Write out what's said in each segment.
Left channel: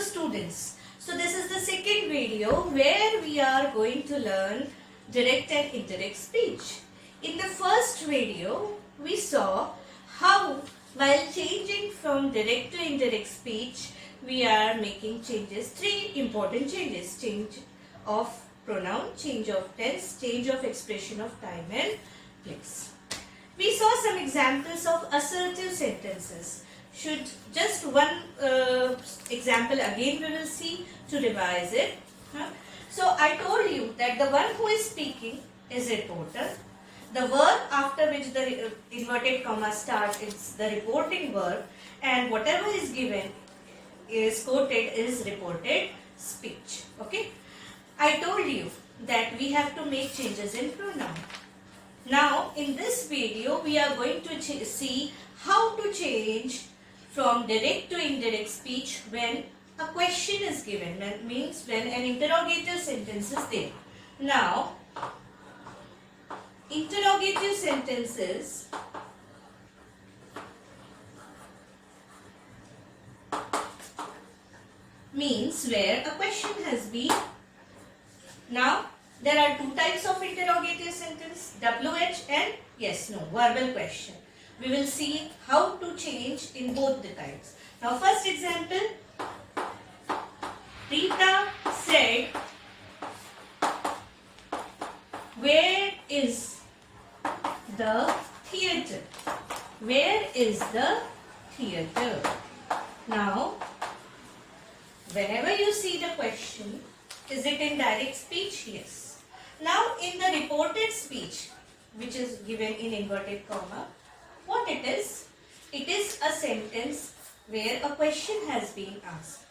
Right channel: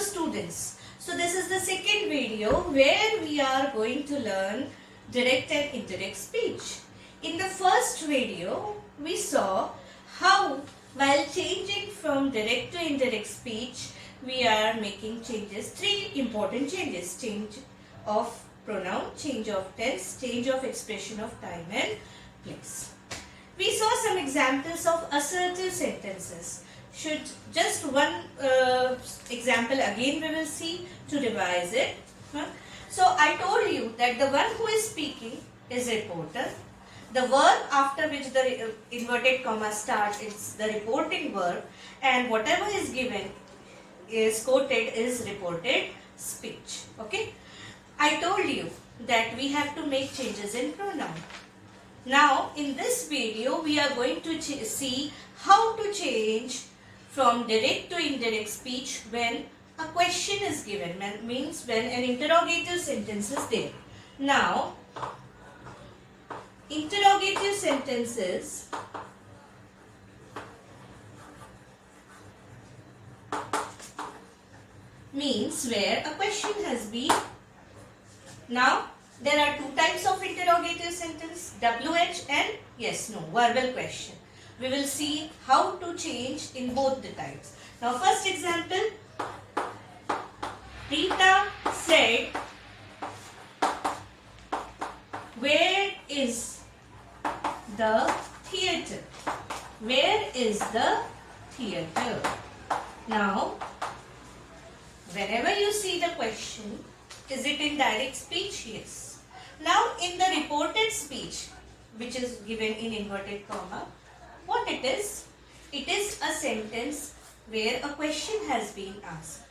students. So this is the second video where we are going to learn direct and indirect speech. In the first video, we saw how while changing from direct to indirect speech, we are making changes, three important changes: change of pronoun, change of tense, change of expression of time and place. We saw some examples of assertive sentences. Should just one example again we will see to revise it. So I told you that the one who is speaking is reporter. The verb after which the inverted comma starts is the reporting verb, and whatever is given is quoted is reported speech. Okay. I told you that we have to make changes in pronoun. Now in this video we are going to see how to change from direct to indirect speech when a question is given, means when an interrogative sentence is there. Now, interrogative sentences means where a question has been. Now, there are two types of interrogative sentence, WH and yes, no, verbal question. We will see how to change in both the types. Now, first example, Rita said, "Where is the theatre?" Where is the theatre? Now, whenever you see the question, is it in direct speech? Yes. Now, in the reported speech, which is given in inverted comma, what it is? It is a sentence where a question has been asked.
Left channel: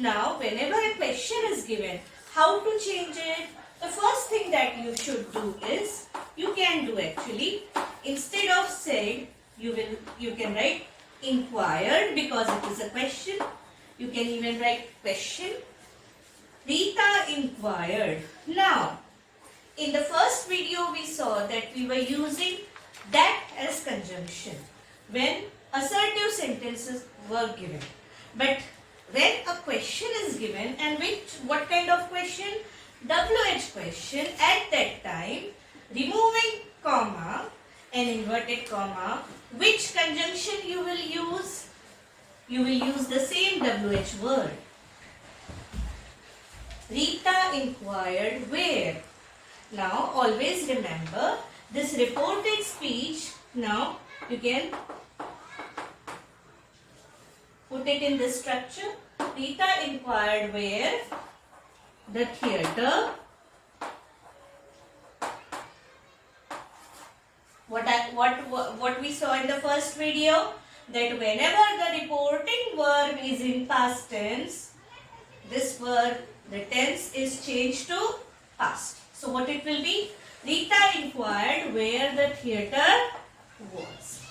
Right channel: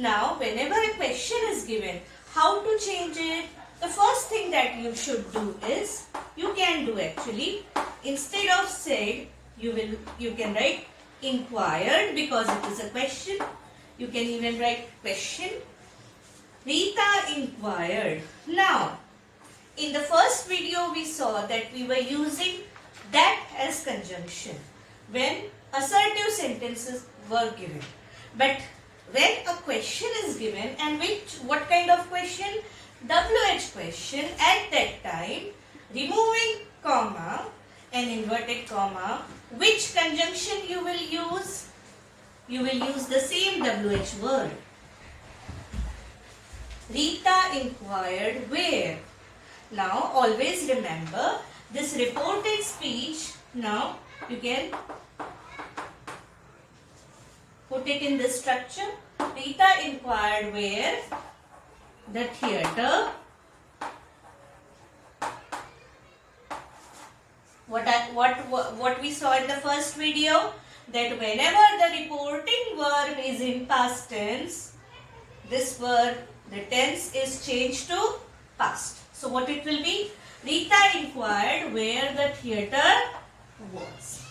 Now, whenever a question is given, how to change it? The first thing that you should do is, you can do actually, instead of said, you can write inquired because it is a question. You can even write question. Rita inquired. Now, in the first video we saw that we were using that as conjunction when assertive sentences were given. But when a question is given, and what kind of question? WH question, at that time, removing comma and inverted comma, which conjunction you will use? You will use the same WH word. Rita inquired where. Now always remember this reported speech. Now you can put it in this structure. Rita inquired where the theatre. What we saw in the first video, that whenever the reporting verb is in past tense, this verb, the tense is changed to past. So what it will be? Rita inquired where the theatre was.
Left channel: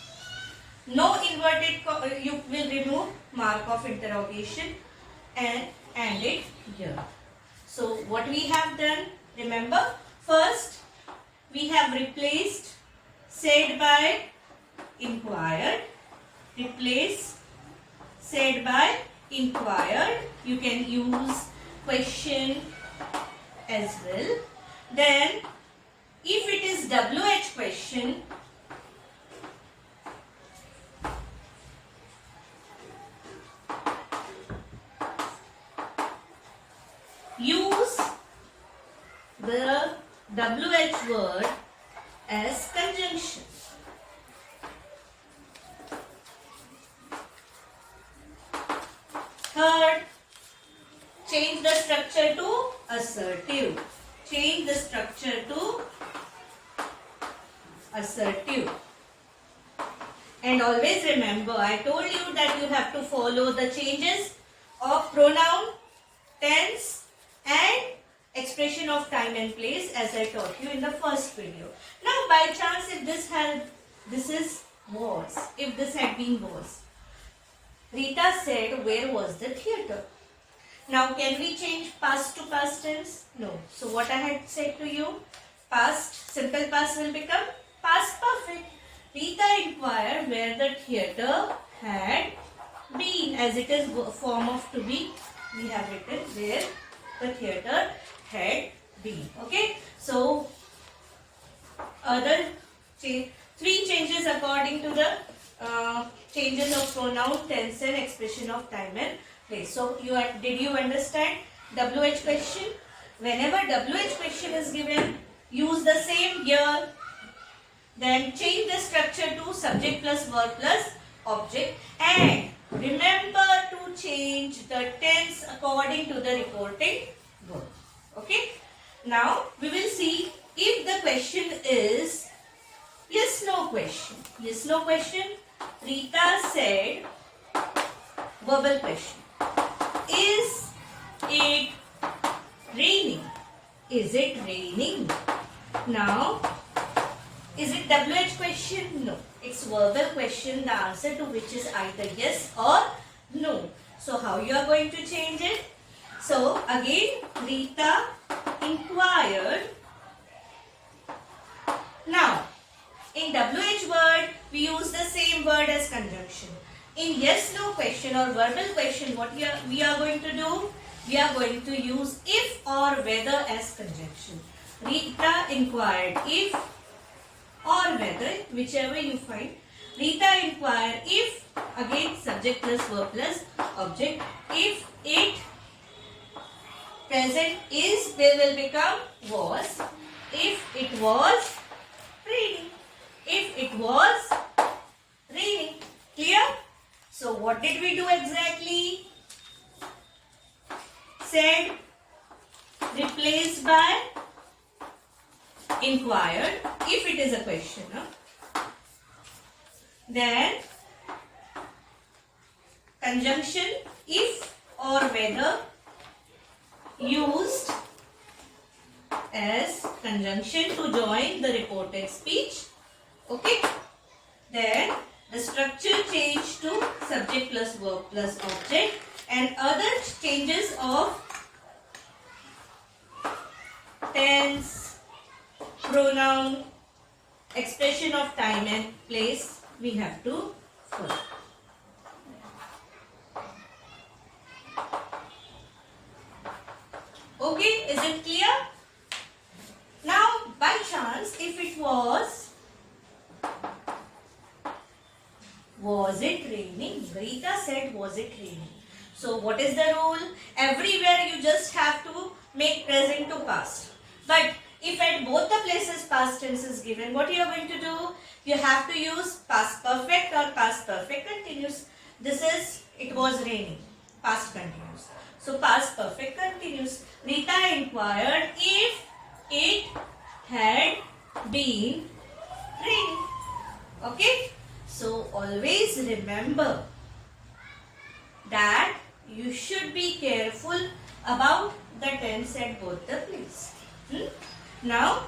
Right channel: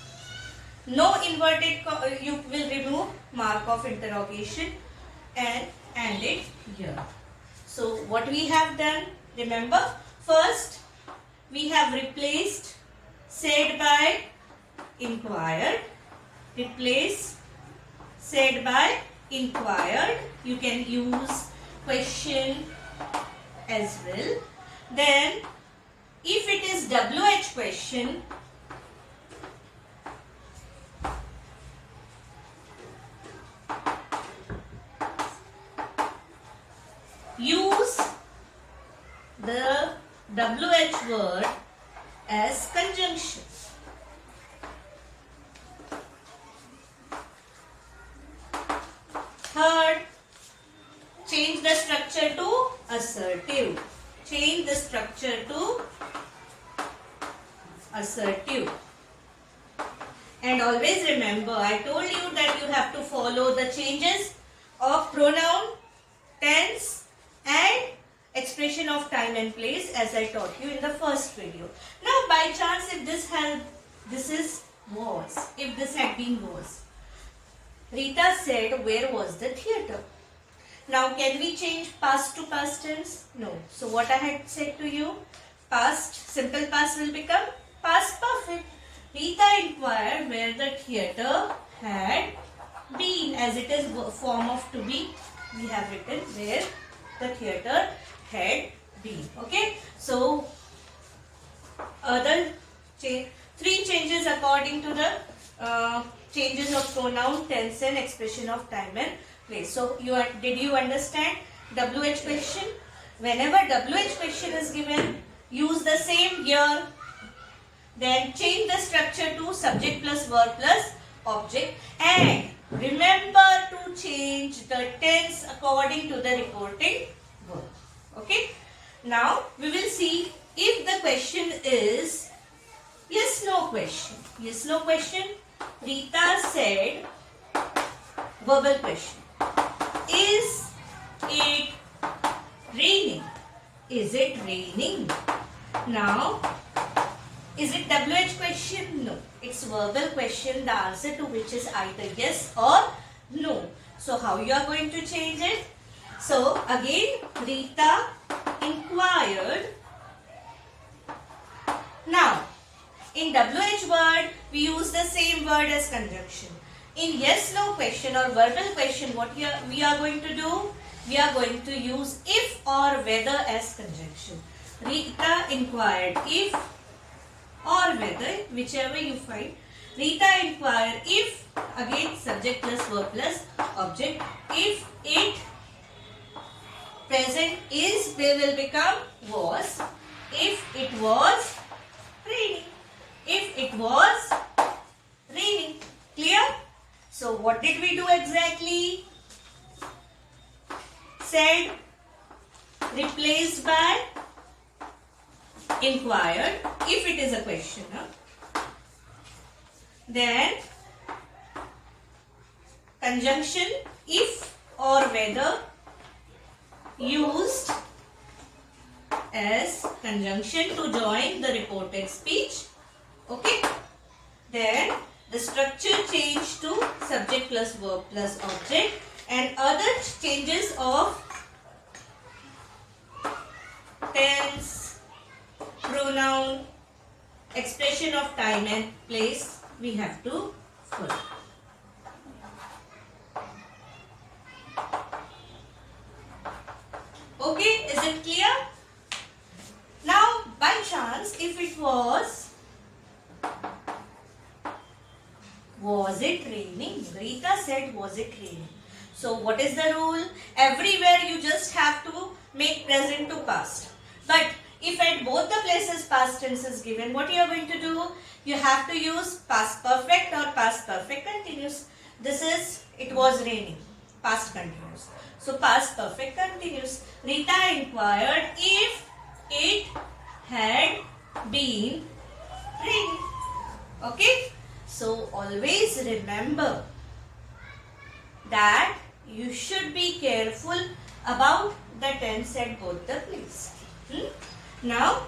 No inverted, you will remove mark of interrogation and end it here. So what we have done, remember, first we have replaced said by inquired. Replace said by inquired. You can use question as well. Then if it is WH question, use the WH word as conjunction. Third, change the structure to assertive. Change the structure to assertive. And always remember, I told you that you have to follow the changes of pronoun, tense and expression of time and place as I taught you in the first video. Now by chance if this had been was. Rita said, where was the theatre? Now can we change past to past tense? No. So what I had said to you, past, simple past will become past perfect. Rita inquired where the theatre had been, as it is form of to be we have written where the theatre had been. Okay, so other three changes according to the changes of pronoun, tense and expression of time and place. So did you understand WH question? Whenever WH question is given, use the same here. Then change the structure to subject plus verb plus object, and remember to change the tense according to the reported verb. Okay. Now we will see if the question is yes no question. Yes no question. Rita said, verbal question. Is it raining? Is it raining? Now, is it WH question? No. It's verbal question, the answer to which is either yes or no. So, how you are going to change it? So, again, Rita inquired. Now, in WH word, we use the same word as conjunction. In yes no question or verbal question, what we are going to do? We are going to use if or whether as conjunction. Rita inquired if or whether, whichever you find. Rita inquired if, again subject plus verb plus object. If it, present is, they will become was. If it was raining. If it was raining. Clear? So what did we do exactly? Said replaced by inquired if it is a question. Then conjunction if or whether used as conjunction to join the reported speech. Okay. Then the structure changed to subject plus verb plus object, and other changes of tense, pronoun, expression of time and place we have to follow. Okay, is it clear? Now, by chance, if it was it raining? Rita said, was it raining? So, what is the rule? Everywhere you just have to make present to past. But if at both the places past tense is given, what you are going to do? You have to use past perfect or past perfect continuous. This is, it was raining, past continuous. So, past perfect continuous. Rita inquired if it had been raining. Okay? So, always remember that you should be careful about the tense at both the places. Now,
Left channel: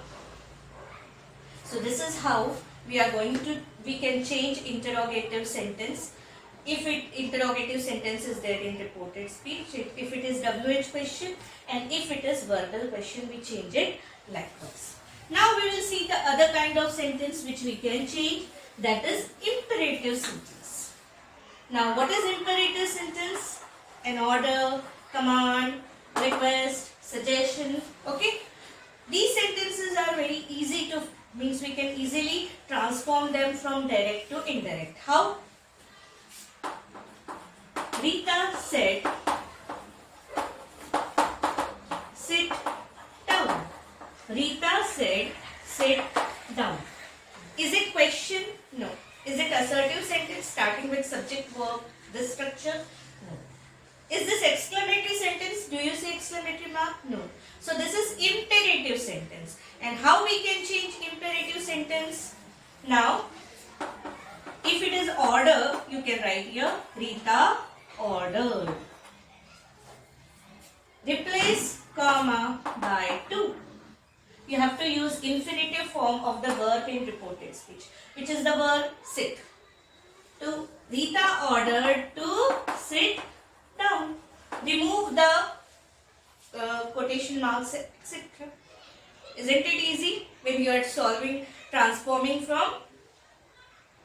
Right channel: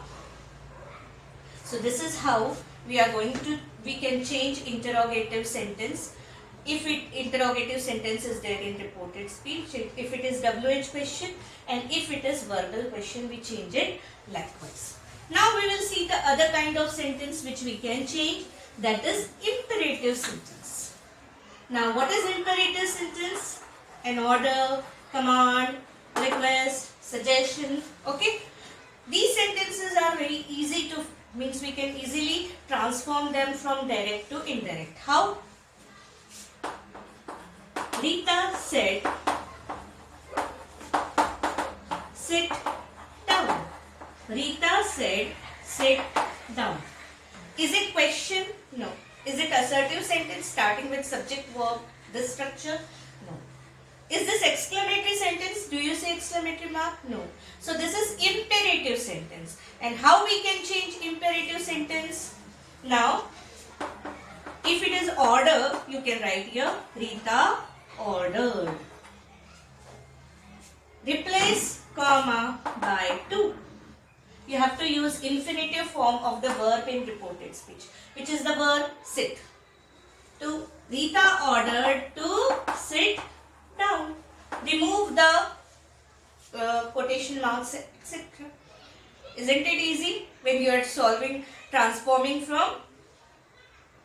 so this is how we can change interrogative sentence. If interrogative sentence is there in reported speech, if it is WH question, and if it is verbal question, we change it likewise. Now we will see the other kind of sentence which we can change, that is imperative sentence. Now what is imperative sentence? An order, command, request, suggestion. Okay. These sentences are very easy to, means we can easily transform them from direct to indirect. How? Rita said, sit down. Rita said, sit down. Is it question? No. Is it assertive sentence starting with subject verb, this structure? No. Is this exclamatory sentence? Do you say exclamatory mark? No. So this is imperative sentence. And how we can change imperative sentence? Now, if it is order, you can write here, Rita ordered. Replace comma by to. You have to use infinitive form of the verb in reported speech, which is the verb sit. To Rita ordered to sit down. Remove the quotation marks, etc. Isn't it easy when you are transforming from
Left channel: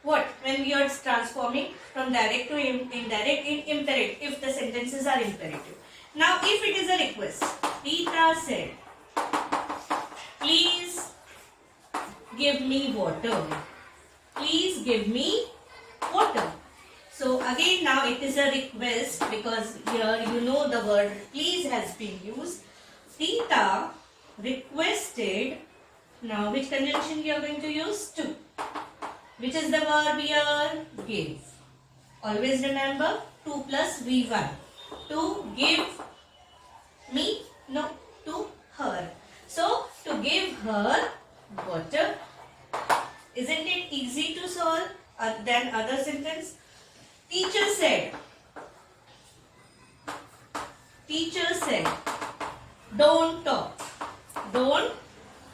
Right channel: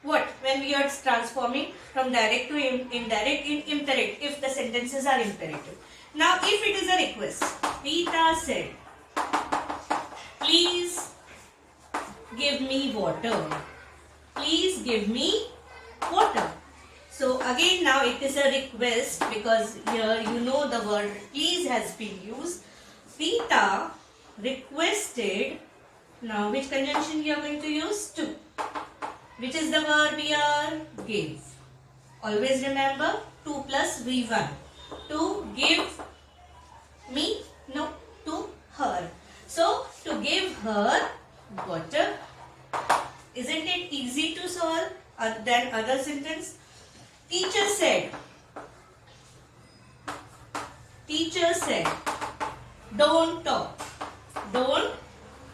what? When we are transforming from direct to indirect in imperative, if the sentences are imperative. Now if it is a request, Rita said, please give me water. Please give me water. So again now it is a request because here you know the word please has been used. Rita requested. Now which conjunction you are going to use? To. Which is the verb here? Give. Always remember 2 plus V1. To give me? No, to her. So to give her water. Isn't it easy to solve than other sentence? Teacher said, don't talk. Don't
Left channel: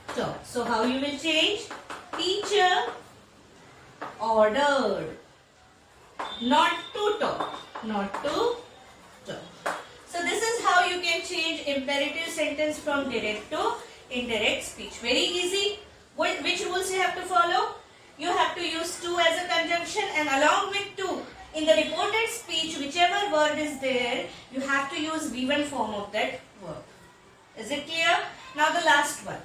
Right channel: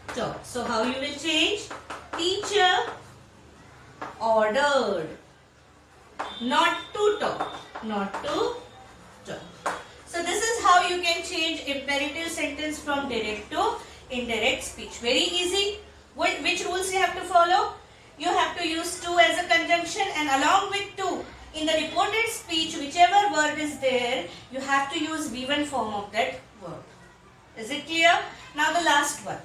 talk. So how you will change? Teacher ordered not to talk. Not to talk. So this is how you can change imperative sentence from direct to indirect speech. Very easy. Which rules you have to follow? You have to use to as a conjunction, and along with to, in the reported speech, whichever verb is there, you have to use V1 form of that verb. Is it clear? Now the last one.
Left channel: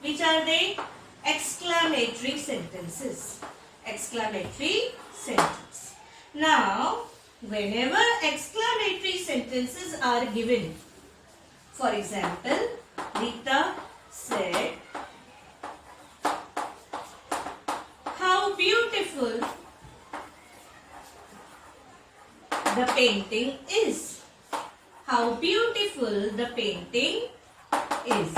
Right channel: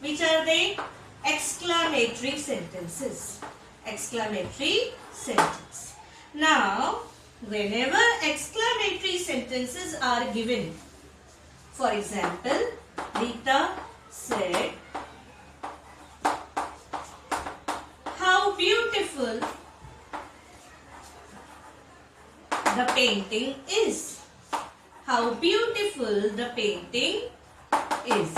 Which are they? Exclamatory sentences. Exclamatory sentence. Now, whenever exclamatory sentences are given, for example, Rita said, how beautiful the painting is. How beautiful the painting is.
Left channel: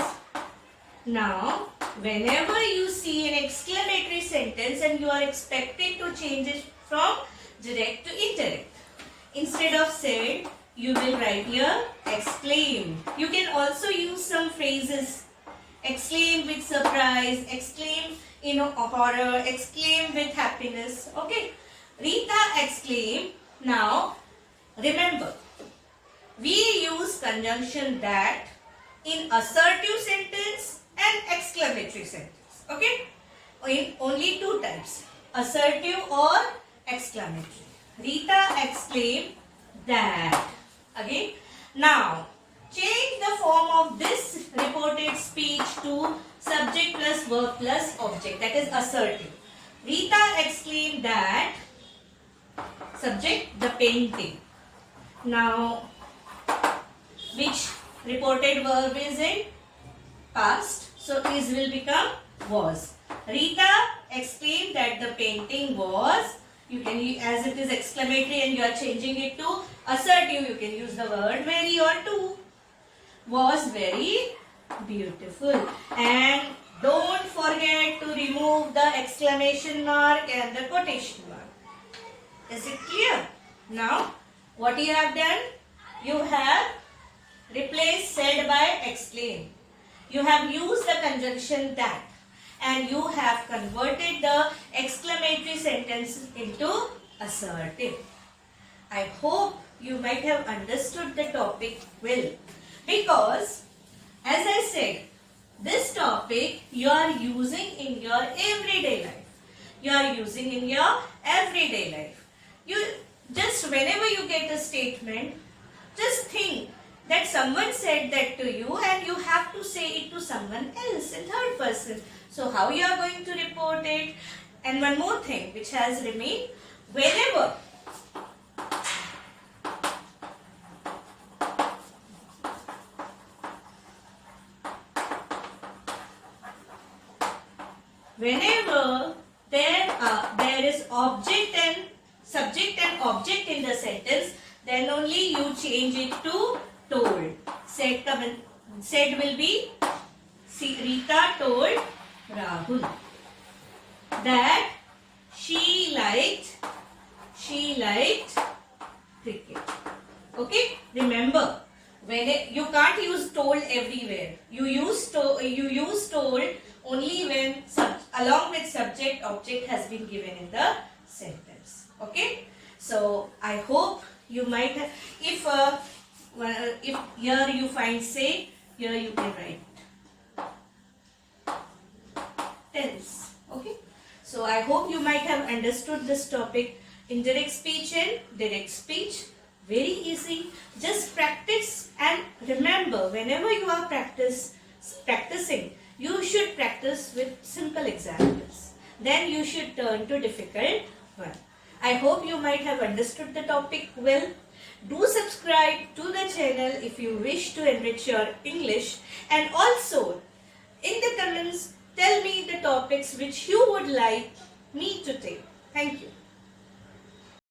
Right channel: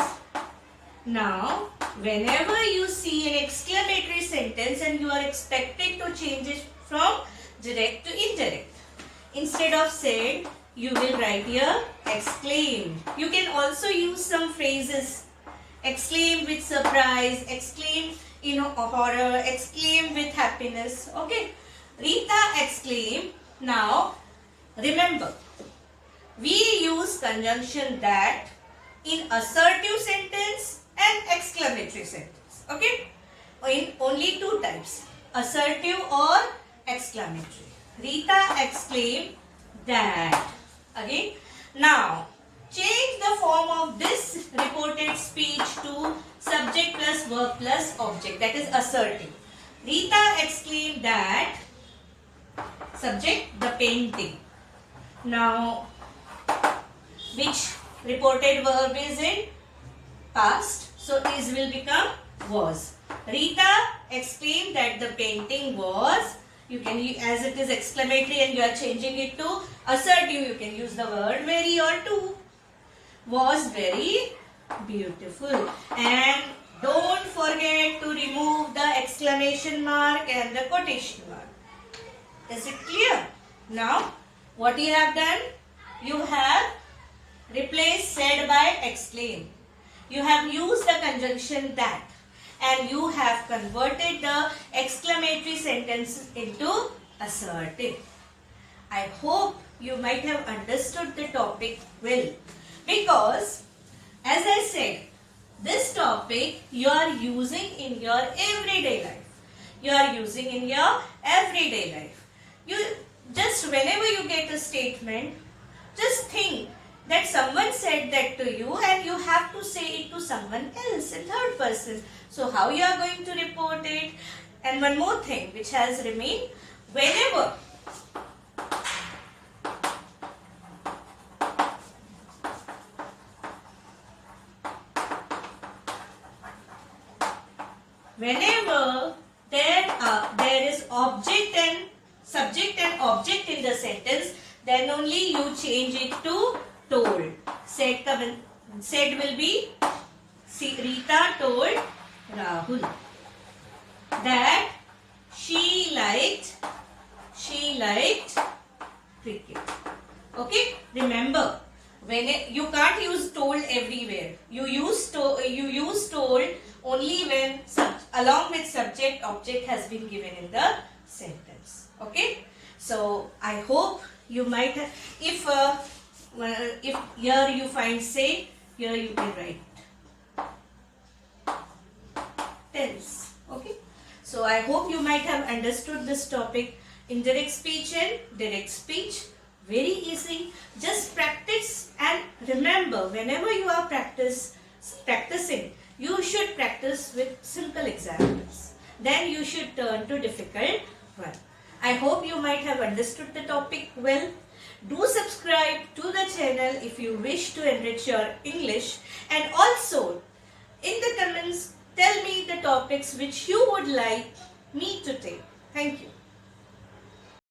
Now, whenever you see an exclamatory sentence and you are expected to change it from direct to indirect, instead of said, you will write here exclaim. You can also use some phrases. Exclaim with surprise, exclaim horror, exclaim with happiness. Okay. Rita exclaimed. Now, remember, we use conjunction that in assertive sentence and exclamatory sentence. Okay. In only two types, assertive or exclamatory. Rita exclaimed that. Again. Now, change the form of this reported speech to subject plus verb plus object. That is assertive. Rita exclaimed that. Subject, the painting. Now, which reported verb is in past? So, is will become was. Rita exclaimed that the painting was. You can, as it is exclamatory and you are changing it to assertive, you can use the word very or to. Was very beautiful. And don't forget to remove the exclamation mark and the quotation mark. Is it clear? Now, what you have done? You have replaced said by exclaim. You have used the conjunction that, and you have converted the exclamatory sentence into assertive. I hope you might have understood the topic well, because as I said, this topic you are using in your everyday life. You are using in your everyday life. You just, whenever you get a statement, just think that someone said that to you and you have to say it to someone else in third person. So how you are going to report it? And one more thing which has remained, whenever there is subject and object in the sentence, then only you change it to told. Said will be, Rita told Rahul that she liked cricket. Okay, remember, when you can't use told everywhere. You use told only when along with subject object has been given in the sentence. Okay, so I hope you might have, if here you find say, here you can write tense. Okay, so I hope you might have understood this topic, indirect speech and direct speech. Very easy. Just practice and whenever you are practicing, you should practice with simple examples. Then you should turn to difficult one. I hope you might have understood the topic well. Do subscribe to the channel if you wish to enrich your English, and also in the comments tell me the topics which you would like me to take. Thank you.